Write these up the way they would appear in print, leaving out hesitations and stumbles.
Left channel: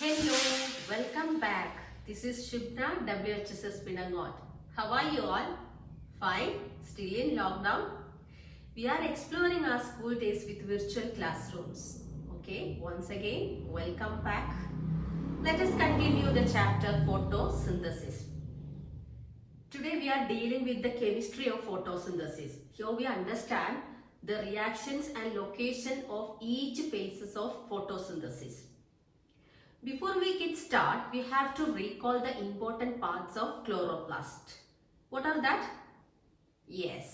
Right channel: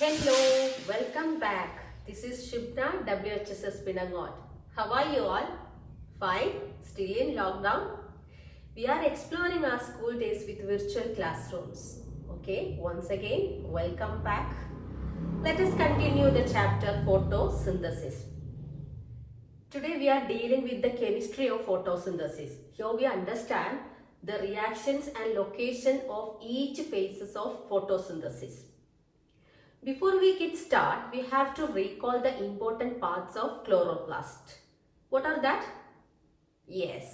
Hello, welcome back. This is Shibna, WHSS Pinangot. How are you all? Fine? Still in lockdown? We are exploring our school days with virtual classrooms. Okay, once again, welcome back. Let us continue the chapter photosynthesis. Today we are dealing with the chemistry of photosynthesis. Here we understand the reactions and location of each phases of photosynthesis. Before we get started, we have to recall the important parts of chloroplast. What are that? Yes,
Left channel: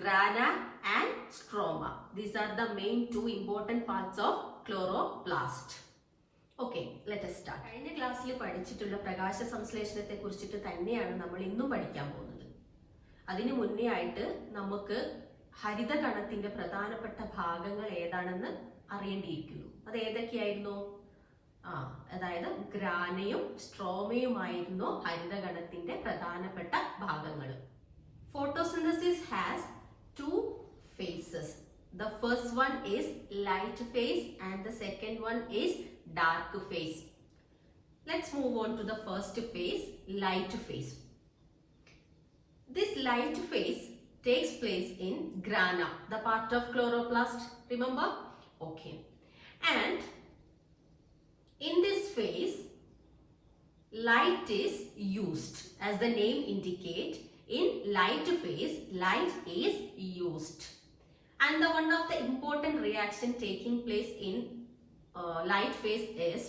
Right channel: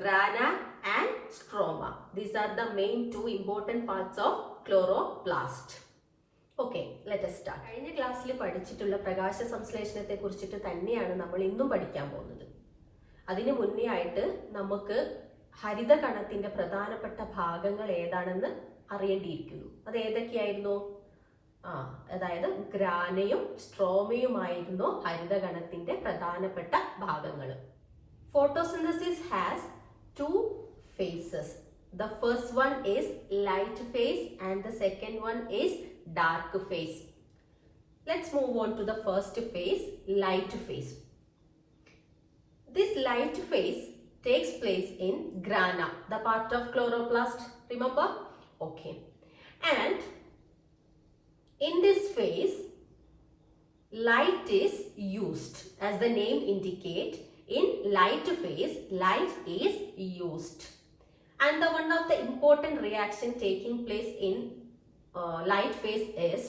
grana and stroma. These are the main two important parts of chloroplast. Okay, let us start. കഴിഞ്ഞ ക്ലാസ്സിൽ പഠിച്ചിട്ടുള്ള പ്രകാശ സംശ്ലേഷണത്തെ കുറിച്ചിട്ട് തന്നെയാണ് നമ്മൾ ഇന്നും പഠിക്കാൻ പോകുന്നത്. അതിനു മുന്നേ ആയിട്ട് നമുക്ക് ഹരിത കണത്തിന്റെ പ്രധാനപ്പെട്ട ഭാഗങ്ങൾ ഏതാണെന്ന് അറിയേണ്ടിയിരിക്കുന്നു. അത് ഏതൊക്കെയായിരുന്നു? അതായത് ഗ്രാനയും സ്ട്രോമയുമായിരുന്നു ഹരിതഗണത്തിന്റെ പ്രധാനപ്പെട്ട ഭാഗങ്ങൾ. Photosynthesis has two phases. The first one is light phase and the second one is dark phase. Let's move on to the first phase, light phase. This light phase takes place in grana, the part of chloroplast. Remember? Okay. And in this phase, light is used. As the name indicates, in light phase, light is used. And the one of the important reaction taking place in light phase is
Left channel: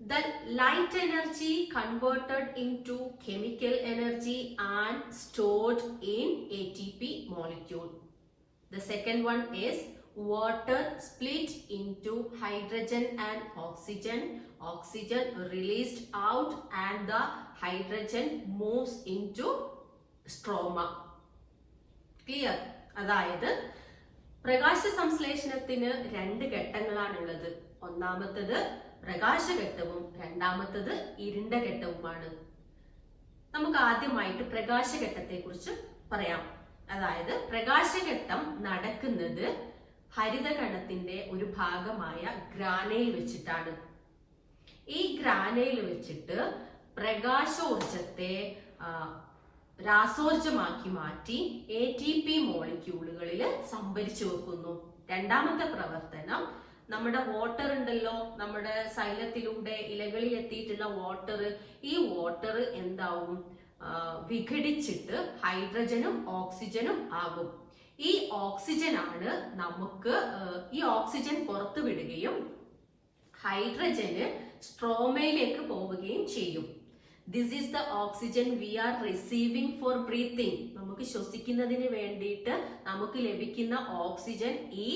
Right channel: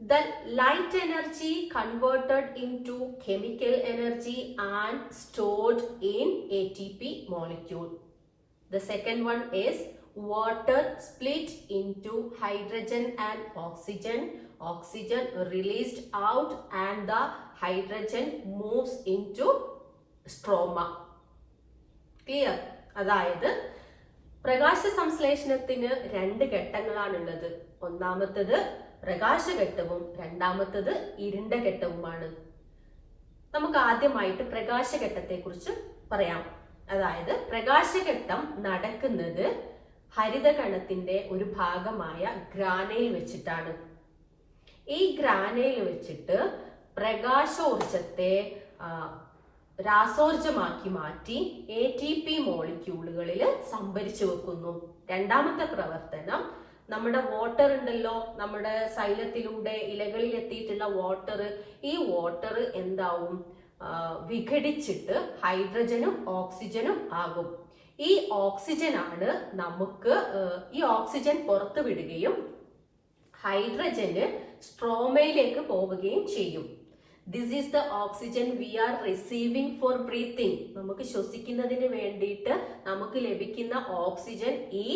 the light energy converted into chemical energy and stored in ATP molecule. The second one is water split into hydrogen and oxygen. Oxygen released out and the hydrogen moves into stroma. Clear? അതായത് പ്രകാശ സംശ്ലേഷണത്തിന് രണ്ട് ഘട്ടങ്ങളാണുള്ളത്. ഒന്നാമത്തത് പ്രകാശഘട്ടവും രണ്ടാമത്തത് ഇരുണ്ട ഘട്ടവുമാണ്. നമുക്ക് ആദ്യമായിട്ട് പ്രകാശഘട്ടത്തെ കുറിച്ച് പറയാം. അതായത് പ്രകാശഘട്ടം നടക്കുന്നത് ഹരിതകണത്തിന്റെ ഒരു ഭാഗമായ ഗ്രാനയിൽ വെച്ചിട്ടാണ്. ഈ ഗ്രാനയിൽ വെച്ചിട്ട് പ്രകാശോർജത്തെ രാസോർജമാക്കി മാറ്റി ATP മോളിക്യൂളുകളിൽ സംഭരിച്ചു വെക്കുന്നു. രണ്ടാമത്തെ പ്രവർത്തനം, നമ്മുടെ വാട്ടർ ഉണ്ടല്ലോ, നമ്മുടെ സൈലത്തിലൂടെ ഇലകളിൽ എത്തിയിട്ടുള്ള വാട്ടർ, ഈ വാട്ടർ എന്താവും? വിഘടിച്ചിട്ട് ഹൈഡ്രജനും ഓക്സിജനും ആകും. ഈ ഓക്സിജൻ ആണ് നമുക്ക് ഈ ഓക്സിജൻ പുറത്തു വിടുകയും ഹൈഡ്രജന് സ്ട്രോമയിലേക്ക് പോവുകയും ചെയ്യും. This is the oxygen we are receiving for breathing. നമുക്ക് ശ്വസിക്കുന്നതിന് വേണ്ടിയിട്ട് നമുക്ക് ലഭിക്കുന്ന ഓക്സിജൻ ഈ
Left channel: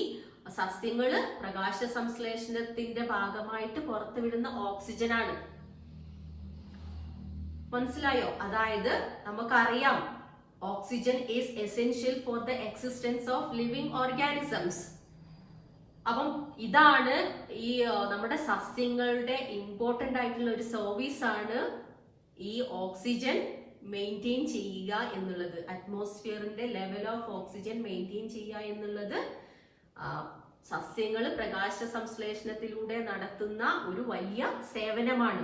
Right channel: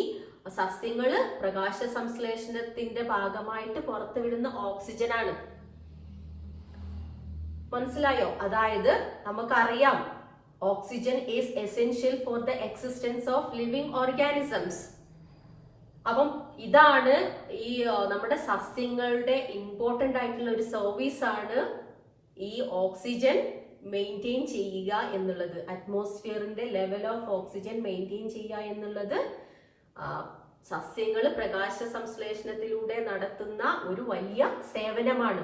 സസ്യങ്ങള് പ്രകാശ സംശ്ലേഷണത്തിന്റെ ഭാഗമായിട്ട് പുറത്തുവിടുന്ന ഓക്സിജൻ ആണ്. മനസ്സിലായോ? അതായത് നമുക്കറിയാം oxygen is essential for the existence of living organisms. അപ്പം ഇതാണ് ഈ നമ്മുടെ സസ്യങ്ങളുടെ ഇമ്പോർട്ടന്റ് ആയിട്ടുള്ള ഒരു സർവീസ് ആണ് ഈ ഓക്സിജൻ മെയിൻറ്റെയിൻ ചെയ്യുക എന്നുള്ളത്. അറ്റ്മോസ്ഫിയറിന്റെ ലെവൽ ഓഫ് ഓക്സിജൻ മെയിൻറ്റെയിൻ ചെയ്യുക എന്നുള്ളത് സസ്യങ്ങൾ പ്രകാശ സംശ്ലേഷണത്തിലൂടെ നടത്തുന്ന ഒരു വലിയ സേവനമാണ്.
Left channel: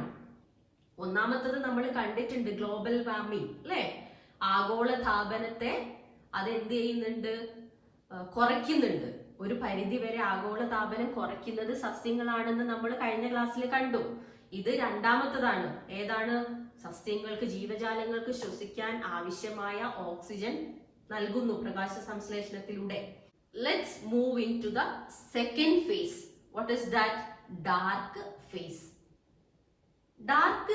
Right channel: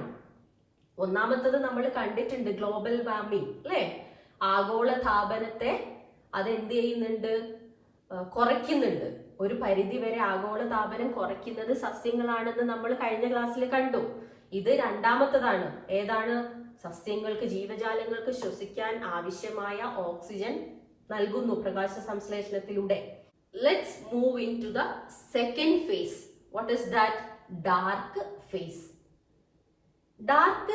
ഒന്നാമത്തത് നമ്മൾ കണ്ടിട്ടുണ്ട്, ഗ്ലോബൽ വാർമിംഗ് അല്ലെ? ആഗോളതാപനത്തെ അതെന്ത് ചെയ്യുന്നുണ്ട്? കുറയ്ക്കുന്നുണ്ട്. ഒരു പരിധി വരെ ആഗോളതാപനം കുറയ്ക്കുന്നത് സസ്യങ്ങളാണെന്ന് നമ്മൾ കഴിഞ്ഞ ക്ലാസ്സിൽ കണ്ടു. ഇത് രണ്ടാമത്തതാണ്. ഏതാണ്? സസ്യങ്ങൾക്ക്, ജീവജാലങ്ങൾക്ക് ശ്വസിക്കാൻ ആവശ്യമായ ഓക്സിജൻ നൽകുന്നു പ്രകാശ സംശ്ലേഷണത്തിലൂടെ. Let's move into the second phase. What is that? Dark phase. Dark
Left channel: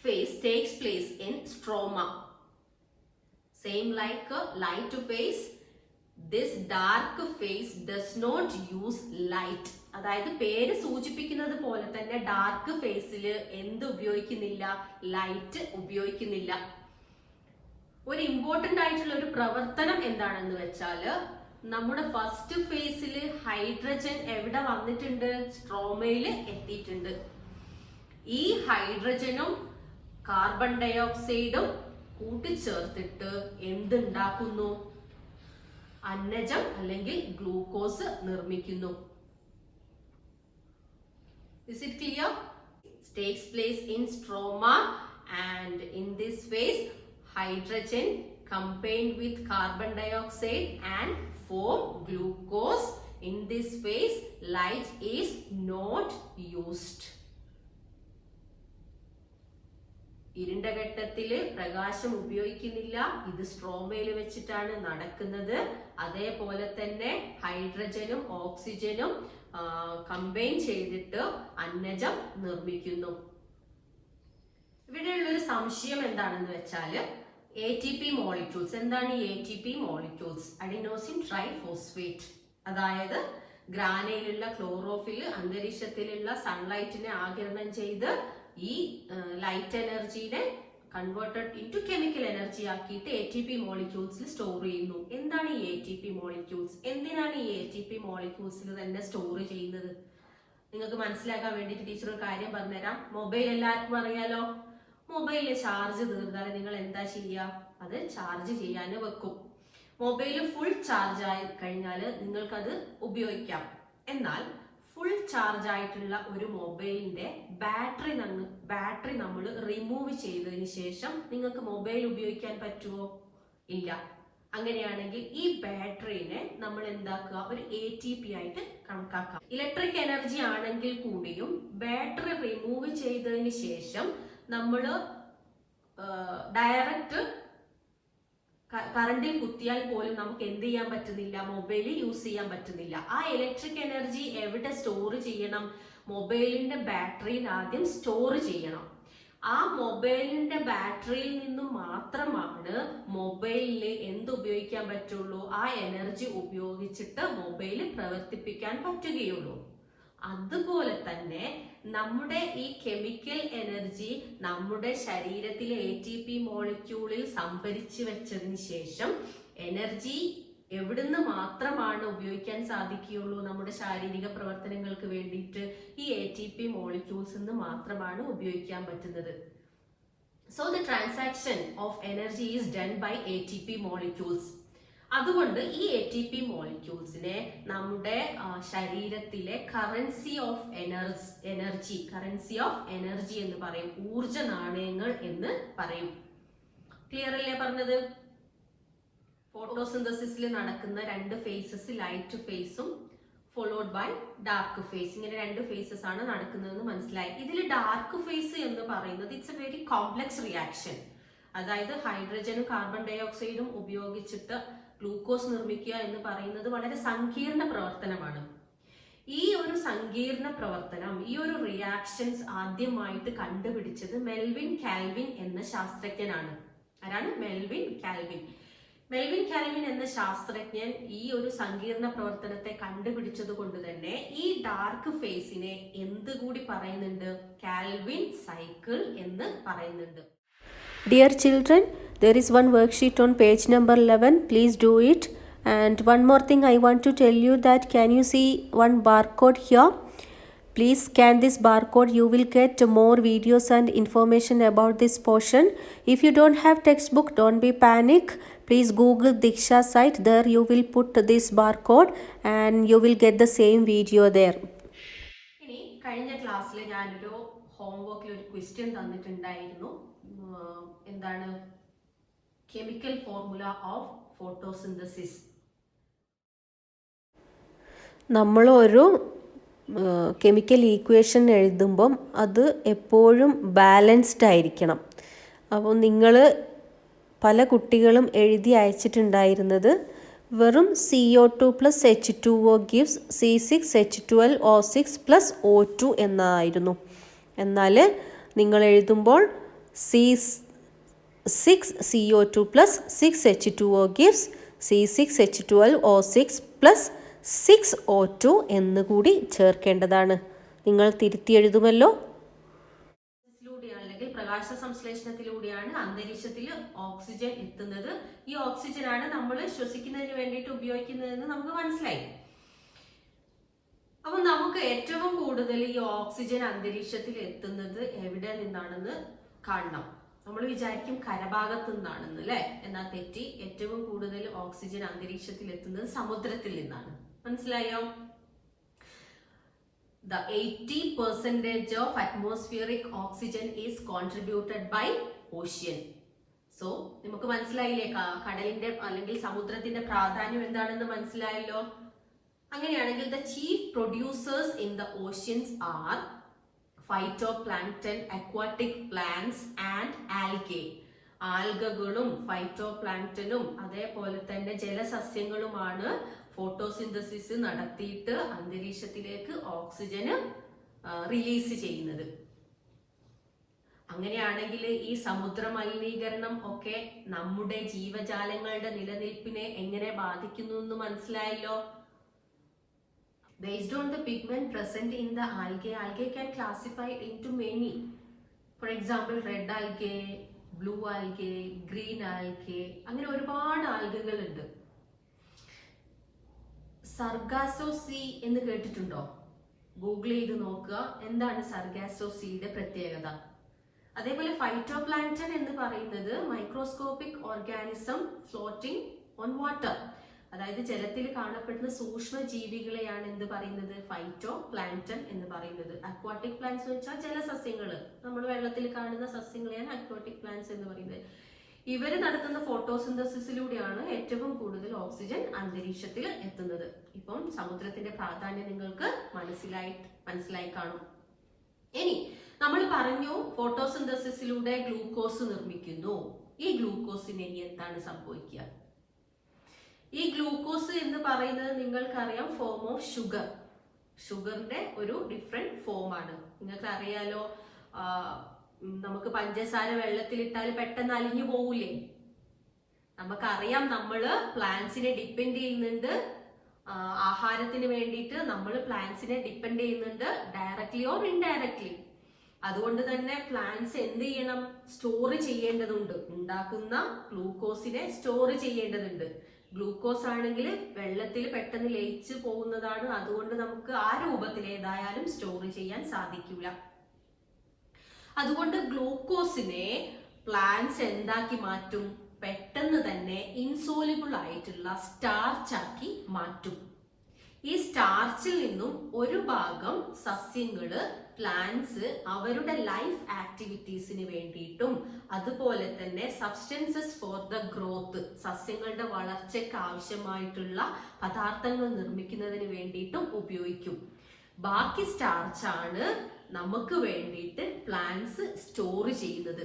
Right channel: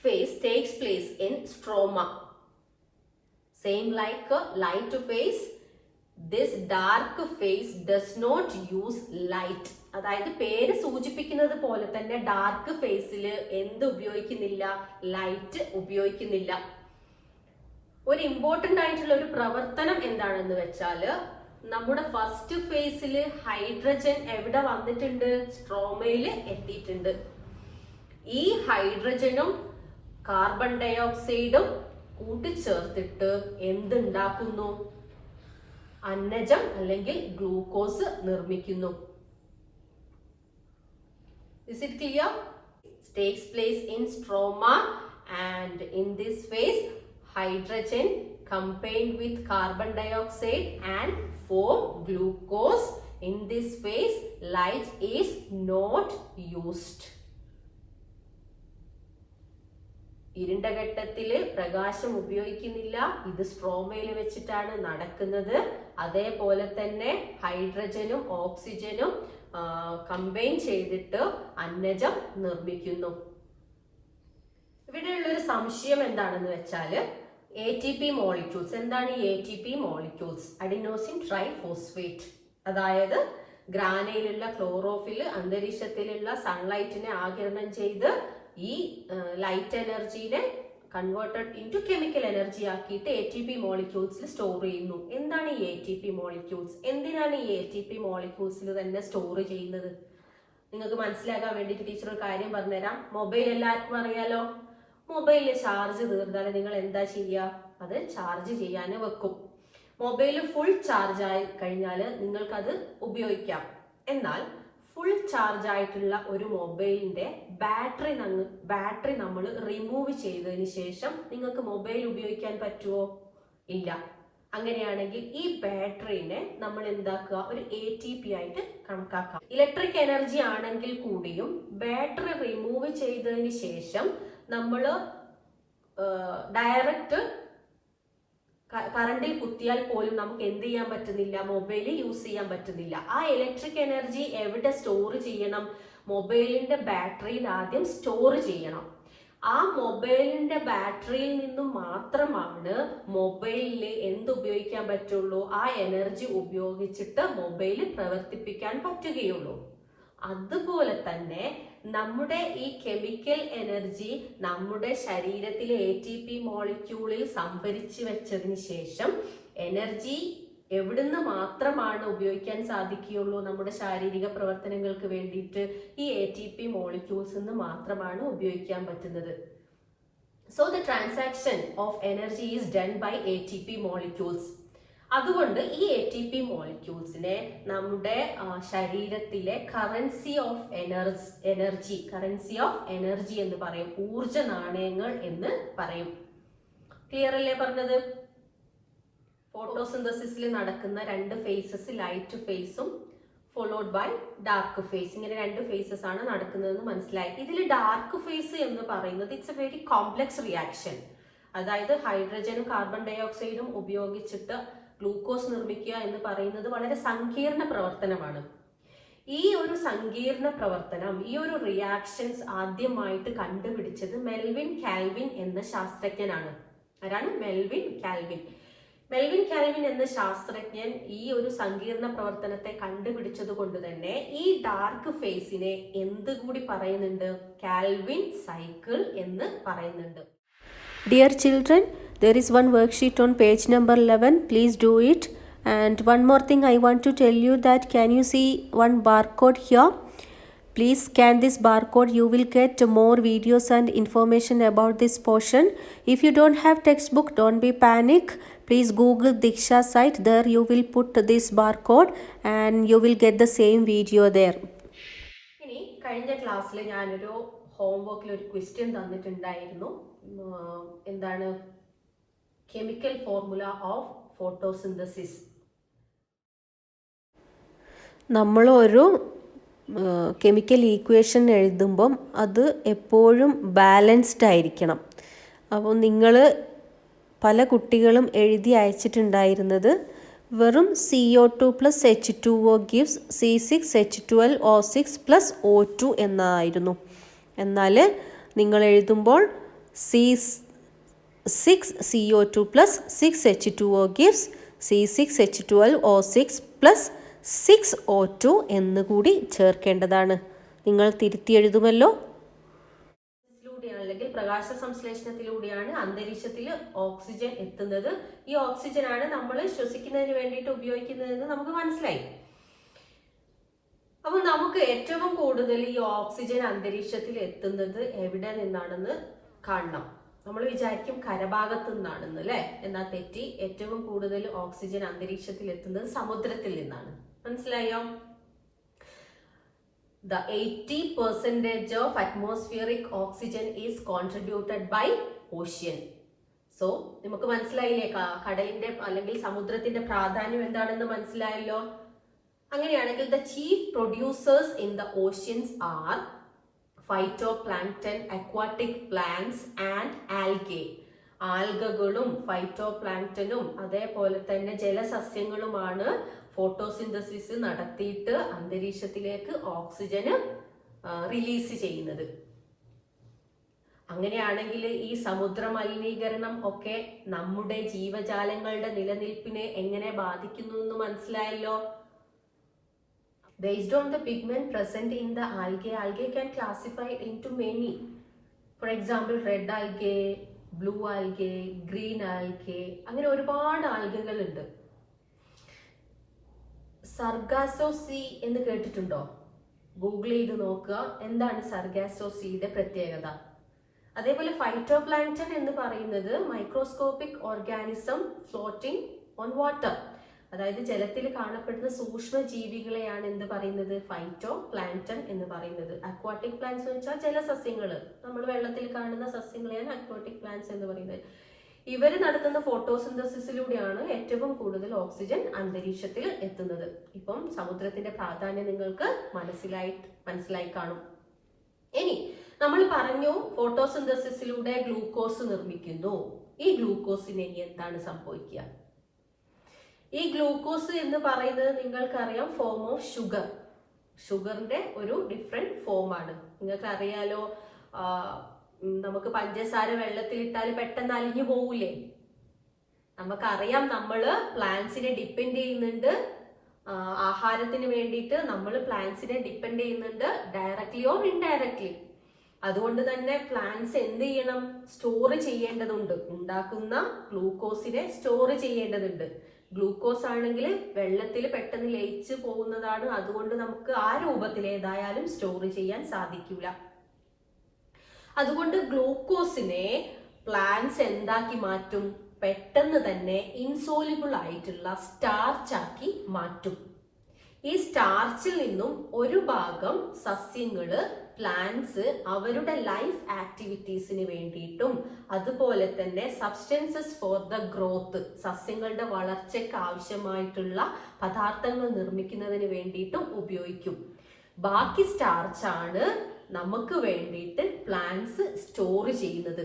phase takes place in stroma. Same like light phase, this dark phase does not use light. അതായത് പേര് സൂചിപ്പിക്കുന്നത് പോലെ തന്നെ ഡാർക്ക് ഫേസിൽ എന്ത് ഉപയോഗിക്കുന്നില്ല? ലൈറ്റ് ഉപയോഗിക്കുന്നില്ല. ഒരു ഇമ്പോർട്ടന്റ് ആയിട്ടുള്ള ഒരു പ്രവർത്തനം എന്താണെന്ന് വെച്ചാല്, നമ്മുടെ ഫസ്റ്റ് ഫേസിൽ ഹൈഡ്രജൻ എവിടെ വന്നിട്ടുണ്ട്? സ്ട്രോമയിൽ എത്തിയിട്ടുണ്ട്. ഈ ഹൈഡ്രജനും കാർബൺ ഡയോക്സൈഡും കൂട്ടിച്ചേർത്തിട്ട് എന്തുണ്ടാക്കുന്നു? അന്നജം അല്ലെങ്കിൽ ഗ്ലൂക്കോസ് നിർമ്മിക്കുന്നു. Is it clear? It takes place in stroma, and in this phase hydrogen combined with carbon dioxide and form glucose. In this phase light is not used. ഇരുണ്ട ഘട്ടത്തില് പ്രകാശം ഉപയോഗിക്കുന്നില്ല. ഇത് സ്ട്രോമയിൽ വെച്ചിട്ടാണ് നടക്കുന്നത്. അതേപോലെ തന്നെ ഹൈഡ്രജനും ഓക്സിജനും കമ്പൈൻ ചെയ്തിട്ട് അന്നജം നിർമ്മിക്കുന്നു. ഇവിടെയുള്ള ഒരു സംശയം എന്താണെന്ന് വെച്ചാൽ ATP മോളിക്യൂൾസ്. എന്താണ് ഈ ATP മോളിക്യൂൾസ്? Adenosine triphosphate. അതായത് ഗ്രാനയിലുള്ള ക്ലോറോഫിൽ അന്തരീക്ഷത്തിലുള്ള സൺലൈറ്റിനെ ആഗിരണം ചെയ്ത് ഈ ലൈറ്റ് എനർജീനെ കൺവേർട്ടഡ് ഇൻറ്റു കെമിക്കൽ എനർജി ആക്കിയിട്ട് ATP മോളിക്യൂൾസിൽ സ്റ്റോർ ചെയ്യുന്നു. എന്താണ് ഈ ATP മോളിക്യൂൾസ്? എന്തിനാണ് ഈ ATP മോളിക്യൂൾസിൽ തന്നെ സ്റ്റോർ ചെയ്യുന്നത്? നിങ്ങൾക്ക് മനസ്സിലാക്കാൻ വേണ്ടിയിട്ട് ടീച്ചർ ഒരു കാര്യം പറഞ്ഞുതരാം. മൊബൈൽ എല്ലാവർക്കും അറിയാലോ. മൊബൈലിൽ ചാർജ് തീർന്നാൽ നിങ്ങൾ എന്താ ചെയ്യുക? അത് ചാർജ് ചെയ്യാൻ വെക്കും. മൊബൈൽ ഫുൾ ചാർജ് ആയി കഴിഞ്ഞാൽ നിങ്ങൾക്കത് ഉപയോഗിക്കാം. എന്നാൽ ഫുൾ ചാർജ് ആയിട്ടുള്ള ഒരു മൊബൈലിന്റെ ബാറ്ററി നമ്മൾ റിമൂവ് ചെയ്തതിന് ശേഷം നിങ്ങൾക്ക് മൊബൈൽ ഉപയോഗിക്കാൻ പറ്റുമോ? ഇല്ല. അങ്ങനെയാണെങ്കിൽ ഈ ബാറ്ററിനെ നമ്മൾ എന്താക്കുക? ഒരു ATP ആയിട്ട് കണക്കാക്കാം. ഇലക്ട്രിക് എനർജി ആണെങ്കിൽ കൂടിയും ബാറ്ററി റിമൂവ് ചെയ്തതിന് ശേഷം നമ്മൾ ഡയറക്റ്റ് കറണ്ടിൽ കുത്തിയാൽ പോലും നമുക്ക് എന്ത് ചെയ്യാൻ പറ്റുന്നില്ല? മൊബൈൽ യൂസ് ചെയ്യാൻ പറ്റുന്നില്ല. ആ ഇലക്ട്രിക് എനർജി എവിടെ സ്റ്റോർ ചെയ്യണം? മൊബൈലിന്റെ ബാറ്ററിയിൽ ആദ്യം സ്റ്റോർ ചെയ്യണം. ആ മൊബൈലിന്റെ ബാറ്ററിയിൽ നിന്നും മാത്രമാണ് മൊബൈലിൽ എന്ത് ഉപയോഗിക്കാൻ പറ്റുള്ളൂ? ആ എനർജി ഉപയോഗിച്ചിട്ട് മൊബൈൽ പ്രവർത്തിപ്പിക്കാൻ പറ്റുകയുള്ളൂ. അതുപോലെ തന്നെ നമ്മുടെ ഈ കെമിക്കൽ എനർജി നമ്മുടെ ശരീരത്തിലെ ATP മോളിക്യൂളിൽ സംഭരിച്ചു വെച്ചതിന് ശേഷം എനർജി എവിടുന്ന് മാത്രമാണ് ഉപയോഗിക്കാൻ സാധിക്കുകയുള്ളൂ? നമ്മുടെ ശാരീരിക പ്രവർത്തനങ്ങൾക്ക് വേണ്ടിയിട്ട് ഈ ATP മോളിക്യൂൾസ് നിന്ന് മാത്രമാണ് ഉപയോഗിക്കാൻ പറ്റുന്നത്. So the transaction of energy is done by ATP molecules. അതുകൊണ്ട് ഈ ATP മോളിക്യൂൾസിനെ നമ്മുടെ ശരീരത്തിലെ കറൻസി ഓഫ് എനർജി എന്ന് പറയും. ഊർജ നാണയങ്ങൾ എന്ന് പറയും. ക്ലിയർ അല്ലേ പറഞ്ഞത്? ഫോട്ടോസിന്തസിസിൽ നടക്കുന്ന രണ്ട് ഫേസസ്, ലൈറ്റ് ഫേസും ഫോളോഡ് ബൈ ഡാർക്ക് ഫേസ്. ഇങ്ങനെ രണ്ട് ഫേസസ് ആണ് നടക്കുന്നതെന്ന് മനസ്സിലായി. ഇതിൽ ഡാർക്ക് ഫേസ് എന്ന് പറയുന്നത് it's A very complex reaction. അതായത് ഹൈഡ്രജനും കാർബൺ ഡൈ ഓക്സൈഡും ഉപയോഗിച്ചിട്ട് ഗ്ലൂക്കോസ് നിർമ്മിക്കുക എന്ന് പറയുന്നത് വളരെ സങ്കീർണ പ്രവർത്തനമാണ്. ഈ ഒരു സങ്കീർണ പ്രവർത്തനം, ഈ ഒരു റിയാക്ഷൻസ് ആദ്യമായിട്ട് കണ്ടുപിടിച്ചത് മെൽവിൻ കാൽവിൻ എന്ന ശാസ്ത്രജ്ഞനാണ്. ആരാണ്? Melvin Calvin. മെൽവിൻ കാൽവിൻ എന്ന ശാസ്ത്രജ്ഞൻ ഈ ഒരു സങ്കീർണ പ്രവർത്തനത്തെ കണ്ടുപിടിച്ചത് കൊണ്ട് തന്നെ ഈ ഡാർക്ക് ഫേസിനെ എന്തുകൂടി പറയുന്നുണ്ട്? കാൽവിൻ സൈക്കിൾ എന്ന് പറയുന്നുണ്ട്. Dear children, there is one worksheet on page number 11. Please do it. And one more thing I want to tell you that can you see one barcode here? Please scan this barcode. You will get more videos and information about this portion. If you don't have textbook, don't be panic. Please Google Diksha site. There you will put this barcode and you will get the same video there. ഇനി കഴിഞ്ഞ ക്ലാസ്സിൽ ഞാനൊരു ഹോംവർക്കിൽ ഒരു question തന്നിട്ടുണ്ടായിരുന്നു. എന്താണ്? Chemical formula of photosynthesis. നമ്മളൊരു chemical equation എഴുതുമ്പം അത് എപ്പോഴും ബാലൻസ്ഡ് ആയിരിക്കണം. അപ്പോൾ നിങ്ങൾ പല കുട്ടികളും എഴുതി അയച്ചിട്ടുണ്ടായിരുന്നത് വെറും CO2 + H2O gives C6H12O6 + O2 എന്നായിരുന്നു. എന്നാൽ നിങ്ങൾ എഴുതുമ്പോൾ C6CO2 + 6H2O gives C6H12O6 + 6O2 എന്നുകൂടി ചേർക്കേണ്ടതാണ്. നിങ്ങൾ തിരുത്തി എഴുതുമല്ലോ. അല്ലെങ്കിൽ പ്രകാശ സംശ്ലേഷണത്തിലൂടെയാണ് അന്തരീക്ഷത്തിൽ ഓക്സിജൻ എത്തുന്നത്. ഈ ഓക്സിജൻ ആണ് നമ്മൾ ശ്വസിക്കുന്നതിന് വേണ്ടിയിട്ട് ഉപയോഗിക്കുന്നതെന്ന് നമുക്ക് മനസ്സിലായി. അപ്പൊ നമുക്ക് ഏറ്റവും കൂടുതൽ ഈ ഓക്സിജൻ അന്തരീക്ഷത്തിൽ എത്തുന്നത് എവിടെ നിന്നാണെന്ന് കാണണം. നമ്മൾ വിചാരിക്കും കരഭാഗത്ത് നിന്നാണെന്ന്, അല്ലെ? എന്നാൽ തെറ്റി. ഏറ്റവും കൂടുതൽ ഓക്സിജൻ അന്തരീക്ഷത്തിൽ എത്തുന്നത് സമുദ്രത്തിൽ നിന്നാണ്. മനസ്സിലായോ? the 80% of atmospheric oxygen is contributed by ocean. So നമുക്ക് മനസ്സിലായില്ലേ കടലിന്റെ അല്ലെങ്കിൽ സമുദ്രത്തിന്റെ പ്രാധാന്യം എന്താണെന്ന് മനസ്സിലായല്ലോ. അങ്ങനെയാണെങ്കിൽ the chief producers in the oceans are phytoplankton, aquatic plants and algae. ആൽഗകളും ഫൈറ്റോപ്ലാങ്ക്ടനും അതേപോലെ തന്നെ ജലസസ്യങ്ങളുമാണ് ഫോട്ടോസിന്തസിസ് നടത്തിയിട്ട് അന്തരീക്ഷത്തിലേക്ക് ഓക്സിജന് റിലീസ് ചെയ്യുന്നത്. അങ്ങനെയാണെങ്കിൽ ഈ സമുദ്ര മലിനീകരണം ഒക്കെ നമ്മുടെ ജീവജാലങ്ങളുടെ നിലനിൽപ്പിനെ എങ്ങനെ ബാധിക്കുന്നു എന്ന് മനസ്സിലായല്ലോ. Based on the pigment present in the algae can classify into many. For example, red algae, blue algae, green algae, അങ്ങനെ ഒരുപാട് ആൽഗകൾ ഉണ്ട്. സർഗാസോ സീ എന്ന് കേട്ടിട്ടുണ്ടോ? ഗൂഗിൾ ചെയ്ത് നോക്കുക എന്താണ് സർഗാസോ സീയുടെ പ്രത്യേകത. അതേപോലെ ഫൈറ്റോപ്ലാങ്ക്ടൺ എന്ന് പറയുന്നത് microscopic organism floating on water, അതായത് ജലത്തിൽ കാണപ്പെടുന്ന സൂക്ഷ്മ ജീവികളെയാണ് എന്ത് പറയുന്നത്, ഫൈറ്റോ പ്ലാങ്ക്ടൺ എന്ന് പറയുന്നത്. അക്വാട്ടിക് പ്ലാന്റ്സ് എന്ന് വെച്ചാൽ ജലസസ്യങ്ങള്, നമ്മൾ വെള്ളത്തിൽ കാണുന്ന സസ്യങ്ങളെയാണ് അക്വാട്ടിക് പ്ലാന്റ്സ് എന്ന് പറയുന്നത്. ഇവര് നടത്തുന്ന ഫോട്ടോസിന്തസിസിലൂടെയാണ് ഏറ്റവും കൂടുതൽ ഓക്സിജൻ അന്തരീക്ഷത്തിൽ എത്തുന്നത്. ഇപ്പം സമുദ്രത്തിന്റെ പ്രാധാന്യം നിങ്ങൾക്ക് മനസ്സിലായി കാണും. ഇനി നമ്മൾ പറഞ്ഞു ഫോട്ടോസിന്തസിസിലൂടെ ഗ്ലൂക്കോസ് നിർമ്മിക്കുന്നു. ഈ ഗ്ലൂക്കോസിന് ഇനി എന്താണ് സംഭവിക്കുക? ഈ ഗ്ലൂക്കോസ് എന്ന് പറയുന്നത് നിങ്ങൾക്കറിയാം ഫോം ഓഫ് ഷുഗർ, ഷുഗറിന്റെ ഒരു ഡിഫറെന്റ് ഫോമാണ്. നിങ്ങൾക്ക് അറിയാലോ, നമുക്ക് പഞ്ചസാര വെള്ളത്തിലിട്ടാൽ പെട്ടെന്ന് അലിഞ്ഞു പോകൂലേ? നമുക്കറിയാം നമ്മള് പ്ലാന്റ്സിനെ ഡിപ്പെൻഡ് ചെയ്യുന്നുണ്ട്, ആഹാരത്തിന് വേണ്ടിയിട്ട് നമ്മൾ പ്ലാന്റ്സിനെ ഡിപ്പെൻഡ് ചെയ്യുന്നുണ്ട് ഡയറക്ട്ലി ഓർ ഇൻഡയറക്ട്ലി. അതുകൊണ്ട് തന്നെ പ്ലാന്റ്സ് എന്ത് ചെയ്യണം, സ്റ്റോർ ചെയ്യേണ്ടതുണ്ട്. ഉണ്ടാക്കുന്ന ഗ്ലൂക്കോസിനെ സ്റ്റോർ ചെയ്യേണ്ടതുണ്ട്. ഗ്ലൂക്കോസ് ആണെങ്കിൽ വെള്ളത്തിൽ പെട്ടെന്ന് ലയിച്ചു പോകുന്നതാണ്, അതുകൊണ്ട് നമുക്ക് ആ രൂപത്തിൽ ഏതായാലും സ്റ്റോർ ചെയ്യാൻ സാധിക്കില്ല. അതുകൊണ്ട് ഗ്ലൂക്കോസിനെ പ്ലാന്റ്സ് എന്താക്കി മാറ്റും, പെട്ടെന്ന് തന്നെ ഇൻസോലിബിൾ ആയിട്ടുള്ള സ്റ്റാർച്ച് ആക്കി മാറ്റും. ഈ സ്റ്റാർച്ചിൽ നിന്നും ഒരു ഭാഗം സസ്യങ്ങള് പ്ലാന്റ്സ് അവരുടെ ലൈഫ് ആക്ടിവിറ്റീസിന് വേണ്ടിയിട്ടും അതുപോലെ തന്നെ സബ്സ്റ്റൻസസ് ഫോർ ദ ഗ്രോത്ത്, സസ്യങ്ങളുടെ വളർച്ചയ്ക്ക് ആവശ്യമായിട്ടുള്ള പദാർത്ഥങ്ങൾ നിർമ്മിക്കുന്നതിന് വേണ്ടിയിട്ടും ഉപയോഗിക്കും. ബാക്കി സ്റ്റാർച്ചാണ് നമുക്ക് വേണ്ടിയിട്ട് പ്ലാന്റ്സ് സ്റ്റോർ ചെയ്യുന്നത്.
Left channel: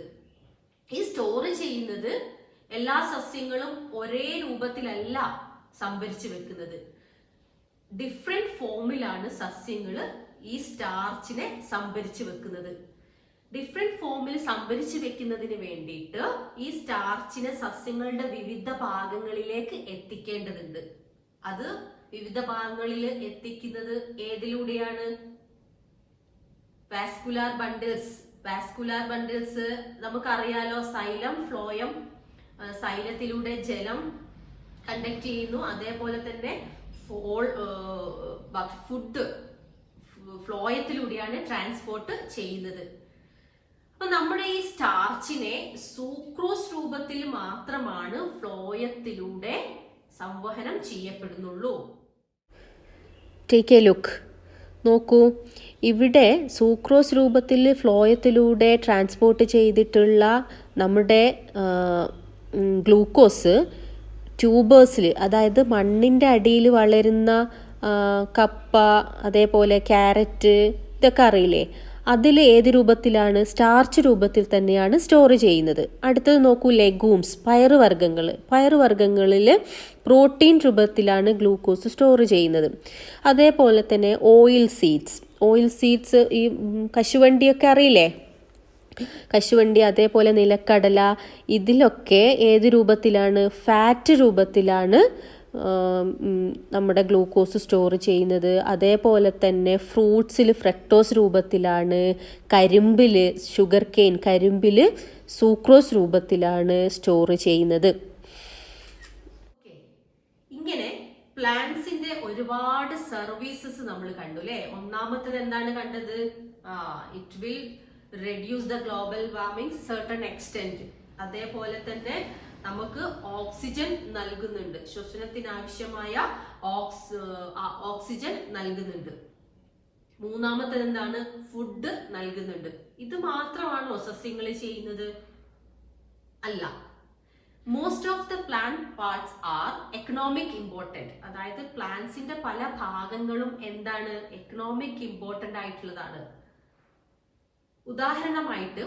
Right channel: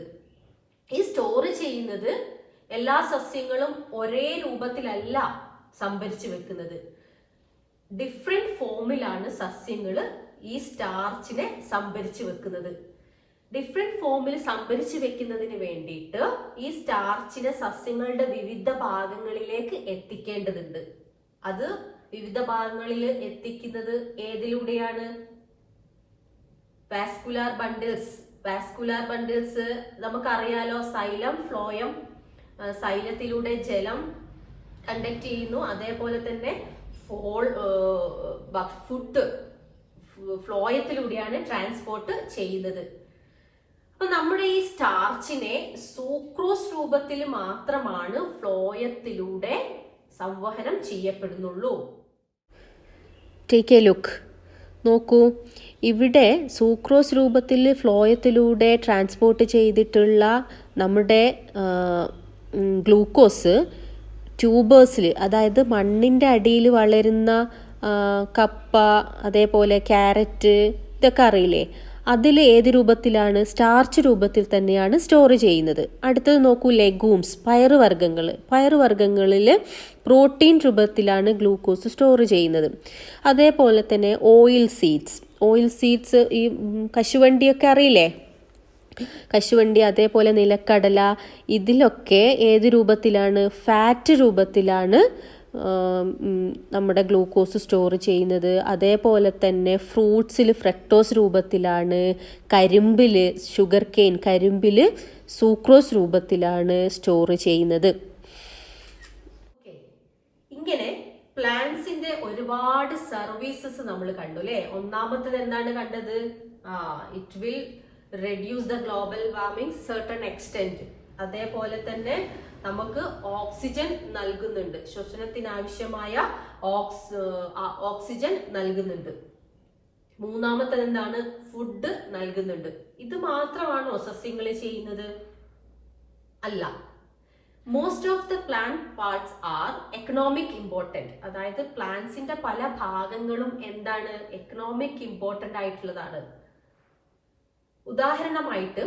ഈ സ്റ്റോർ ചെയ്യുന്നത് എല്ലാ സസ്യങ്ങളും ഒരേ രൂപത്തിലല്ല സംഭരിച്ചു വെക്കുന്നത്. ഡിഫറെന്റ് ഫോമിലാണ് സസ്യങ്ങള് ഈ സ്റ്റാർച്ചിനെ സംഭരിച്ചു വെക്കുന്നത്. ഡിഫറെന്റ് ഫോമിൽ സംഭരിച്ചു വെക്കുന്നതിന് വേണ്ടിയിട്ട് ഈ സ്റ്റാർച്ചിനെ സസ്യങ്ങളുടെ വിവിധ ഭാഗങ്ങളിലേക്ക് എത്തിക്കേണ്ടതുണ്ട്. അത് വിവിധ ഭാഗങ്ങളിൽ എത്തിക്കുന്നത് ഏതിലൂടെയാണ്? Vascular bundles. വാസ്കുലാർ ബണ്ടിൽസ് നമുക്കറിയാലോ, സൈലം ഫ്ലോയം, സൈലത്തിലൂടെ ജലം കണ്ടക്ട് ചെയ്യുന്നു. അതേപോലെ തന്നെ ഫുഡ് ഫ്ലോയത്തിലൂടെയാണ് ട്രാൻസ്പോർട്ട് ചെയ്യുന്നത്. അപ്പൊ നമ്മുടെ ഈ സ്റ്റാർച്ചിനെ സൂക്രോസ് രൂപത്തിൽ മാത്രമാണ് ഫ്ലോയത്തിലൂടെ സംവഹനം ചെയ്യപ്പെടുന്നുള്ളൂ. ടേക്ക് എ ലുക്ക്, നോക്കൂ, ഇവിടെ സൂക്രോസ് രൂപത്തിൽ ഫ്ലോയത്തിലൂടെ ട്രാൻസ്പോർട്ട് ചെയ്തിട്ടുള്ള നമ്മുടെ ഗ്ലൂക്കോസ് ട്യൂബേഴ്സിൽ, അതായത് മണ്ണിൻ്റെ അടിയിൽ വളരുന്ന കപ്പ, അതേപോലെ ക്യാരറ്റ്, ഇതൊക്കെ അറിയില്ലേ, അതിൽ ഏത് രൂപത്തിലാണ്? സ്റ്റാർച്ച് രൂപത്തിൽ തന്നെയാണ് സ്റ്റോർ ചെയ്യുന്നത്. അടുത്തത് നോക്കൂ, ലെഗൂംസ്, പയറുവർഗ്ഗങ്ങളിൽ പ്രോട്ടീൻ രൂപത്തിലാണ് ഗ്ലൂക്കോസ് സ്റ്റോർ ചെയ്യുന്നത്. അതേപോലെ തന്നെ ഓയിൽ സീഡ്സ്, ഈ കശുവണ്ടിയൊക്കെ അറിയില്ലേ, കശുവണ്ടി, അതേപോലെ നിലക്കടല, ഇതിലൊക്കെ ഏത് രൂപത്തിലാണ്? ഫാറ്റ് രൂപത്തിലാണ് നമ്മുടെ ഗ്ലൂക്കോസ് സ്റ്റോർ ചെയ്യുന്നത്. അതേപോലെ തന്നെ ഫ്രൂട്ട്സിൽ ഫ്രക്ടോസ് രൂപത്തിലാണ്, ഷുഗർ കെയിൻ കരിമ്പിൽ സൂക്രോസ് രൂപത്തിലാണ് സ്റ്റോർ ചെയ്യുന്നത്. ഇങ്ങനെ പ്ലാന്റ്സിന്റെ ഒരുപാട് സർവീസസ് നമ്മൾ കണ്ടു അല്ലെ. ഒന്നാമത്തത് എന്താണ് കണ്ടത്? It will reduce the global warming certain extent. അതേപോലെ തന്നെ നമുക്ക് ഓക്സിജൻ നൽകുന്നുണ്ട്, ശ്വസനത്തിന് ആവശ്യമായ ഓക്സിജൻ നൽകുന്നുണ്ട്. മൂന്നാമത്തത് എന്താണ്? ഫുഡ് നൽകുന്നുണ്ട്. ഇത് മാത്രമാണോ സസ്യങ്ങൾ ചെയ്യുന്നത്? അല്ല. Most of the plant parts R economic important. അതായത് പ്ലാന്റ്സിന്റെ പല ഭാഗങ്ങളും എന്താണ്? എക്കണോമിക് ഇമ്പോർട്ടന്റ് ആയിട്ടുള്ളതാണ്. ഉദാഹരണമായിട്ട്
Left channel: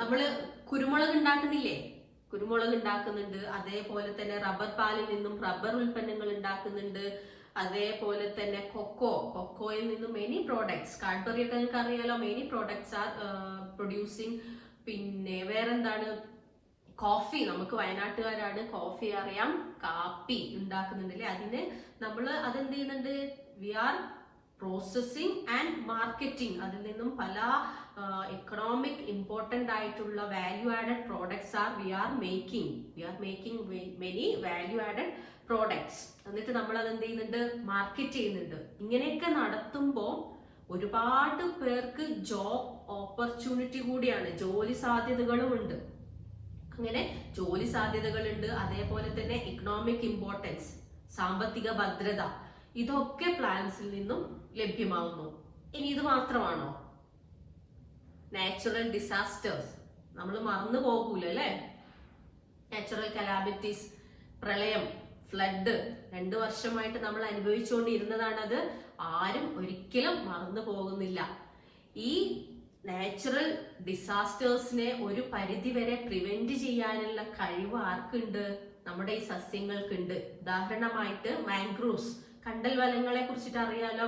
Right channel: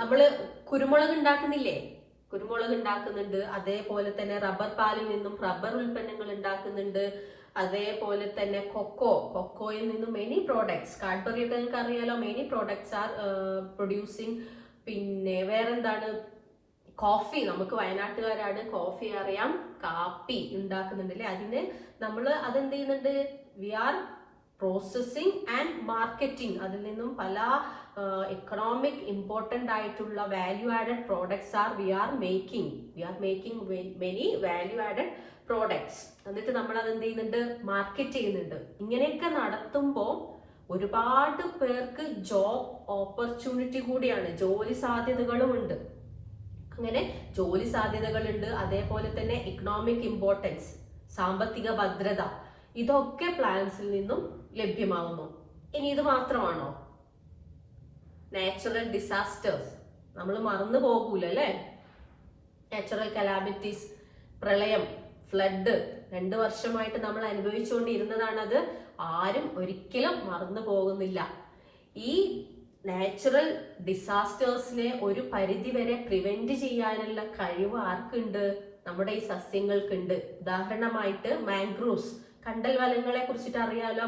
നമ്മള് കുരുമുളക് ഉണ്ടാക്കുന്നില്ലേ? കുരുമുളക് ഉണ്ടാക്കുന്നുണ്ട്. അതേപോലെ തന്നെ റബ്ബർ പാലിൽ നിന്നും റബ്ബർ ഉൽപ്പന്നങ്ങൾ ഉണ്ടാക്കുന്നുണ്ട്. അതേപോലെ തന്നെ കൊക്കോയിൽ നിന്നും മെനി പ്രോഡക്ട്സ്, കാഡ്ബറി ഒക്കെ നിങ്ങൾക്ക് അറിയാലോ, മെനി പ്രോഡക്ട്സ് ആർ പ്രൊഡ്യൂസിങ്. പിന്നെ വേറെന്താണ്? കോഫി, നമുക്ക് വയനാട്ടുകാരാണ്, കോഫി അറിയാം, കാപ്പി ഉണ്ടാക്കുന്നുണ്ടല്ലേ. അതിന് നമ്മൾ അതെന്ത് ചെയ്യുന്നുണ്ട്? We are processing and marketing. അതിൽ നിന്നും പല എക്കണോമിക് ഇമ്പോർട്ടന്റ് ആയിട്ടുള്ള value added products are we are making many value added products. എന്നിട്ട് നമ്മൾ അത് എന്ത് ചെയ്യുന്നുണ്ട്? മാർക്കറ്റ് ചെയ്യുന്നുണ്ട്. ഇങ്ങനെയൊക്കെ നടത്തുമ്പോൾ ഒരുപാട് പേർക്ക് ജോബ് ഓപ്പർച്യൂണിറ്റി കൂടിയാണ്, ജോലി സാധ്യതകളും ഉണ്ട്. അങ്ങനെ ജോലി സാധ്യതകളുണ്ട്. അതേപോലെ തന്നെ ഇക്കണോമിക് ഇമ്പോർട്ടൻസ്, സാമ്പത്തിക ഭദ്രത, ഇതൊക്കെ പ്ലാന്റ്സിൽ നിന്നും ലഭ്യമാകുന്നു. ഇനി ഇത് മാത്രമാണോ? നാച്ചുറൽ ഡിസാസ്റ്റേഴ്സ് നമ്മൾ മറന്നു പോകൂല അല്ലെ? നാച്ചുറൽ കലാമിറ്റീസ്, പ്രളയം, ഫ്ലഡ് 2 വർഷമായിട്ട് നമ്മൾ അനുഭവിച്ചുകൊണ്ടിരുന്നതാണത്. ആരും ഒരിക്കലും മറന്നു പോകുന്നില്ല. ഈ നാച്ചുറൽ ഡിസാസ്റ്റേഴ്സിനെ ഒരു പരിധി വരെ പ്രിവെന്റ് ചെയ്യാനുള്ള കഴിവ് ആർക്കുണ്ട്? നമ്മുടെ ഈ സസ്യങ്ങൾക്കുണ്ട്. ഉദാഹരണമായിട്ട് മാംഗ്രൂവ്സ്, കണ്ടൽ വനങ്ങളെ കുറിച്ചിട്ട് അറിയാലോ.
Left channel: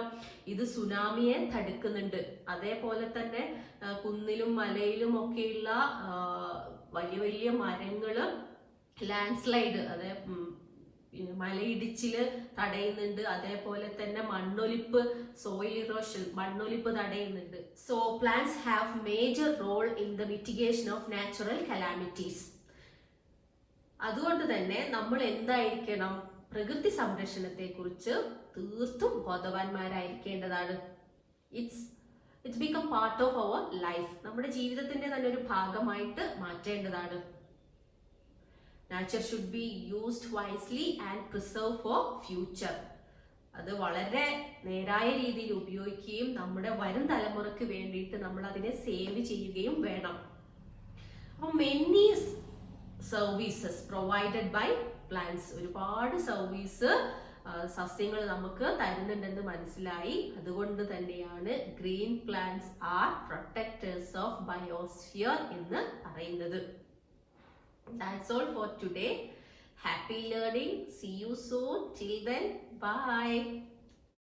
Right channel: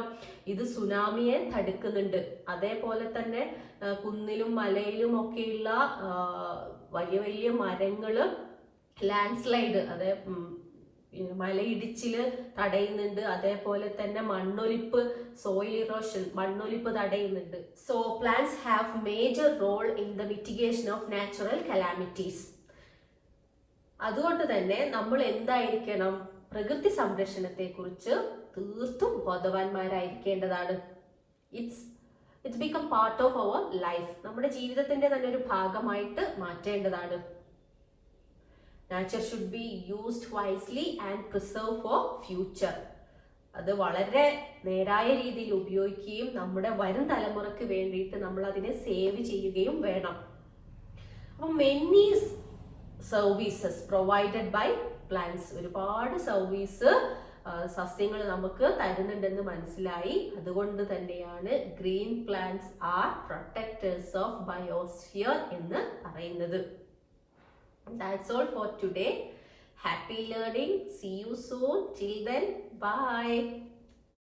ഇത് സുനാമിയെ തടുക്കുന്നുണ്ട്. അതേപോലെ തന്നെ കുന്നിലും മലയിലും ഒക്കെയുള്ള വലിയ വലിയ മരങ്ങള് ലാൻഡ് സ്ലൈഡ്, അതെ, മലയിടിച്ചില് തടയുന്നുണ്ട്. അതേപോലെ തന്നെ മണ്ണൊലിപ്പ്, സോയിൽ ഇറോഷൻ, മണ്ണൊലിപ്പ് തടയുന്നുണ്ട്. So plants have major role in the mitigation of natural calamities. അതുകൊണ്ട് തന്നെ നമ്മൾ എന്തായിരിക്കണം? പ്രകൃതി സംരക്ഷണത്തെ കുറിച്ച് തീർത്തും ബോധവാന്മാരായിരിക്കേണ്ടതാണ്. It's become part of our life. നമ്മുടെ ജീവിതത്തിന്റെ തന്നെ ഒരു ഭാഗമായിട്ട് മാറ്റേണ്ടതാണ്. Nature should be used wisely and preserve for future. അത് വളരെ നേരായ രീതിയിൽ ഉപയോഗിക്കുകയും നമ്മുടെ വരും തലമുറക്ക് വേണ്ടിയിട്ട് നമ്മൾ അതിനെ സേവ് ചെയ്യുകയും വേണം. അപ്പം many services provided by plants, ഒരുപാട് സർവീസ് സസ്യങ്ങൾ നമുക്ക് തരുന്നുണ്ടെന്ന് മനസ്സിലായി. അതുകൊണ്ട് തന്നെയാണ് green plants are protectors of biosphere എന്ന് പറയുന്നത്. That's all for today. Happy learning. See you soon. Till then, bye.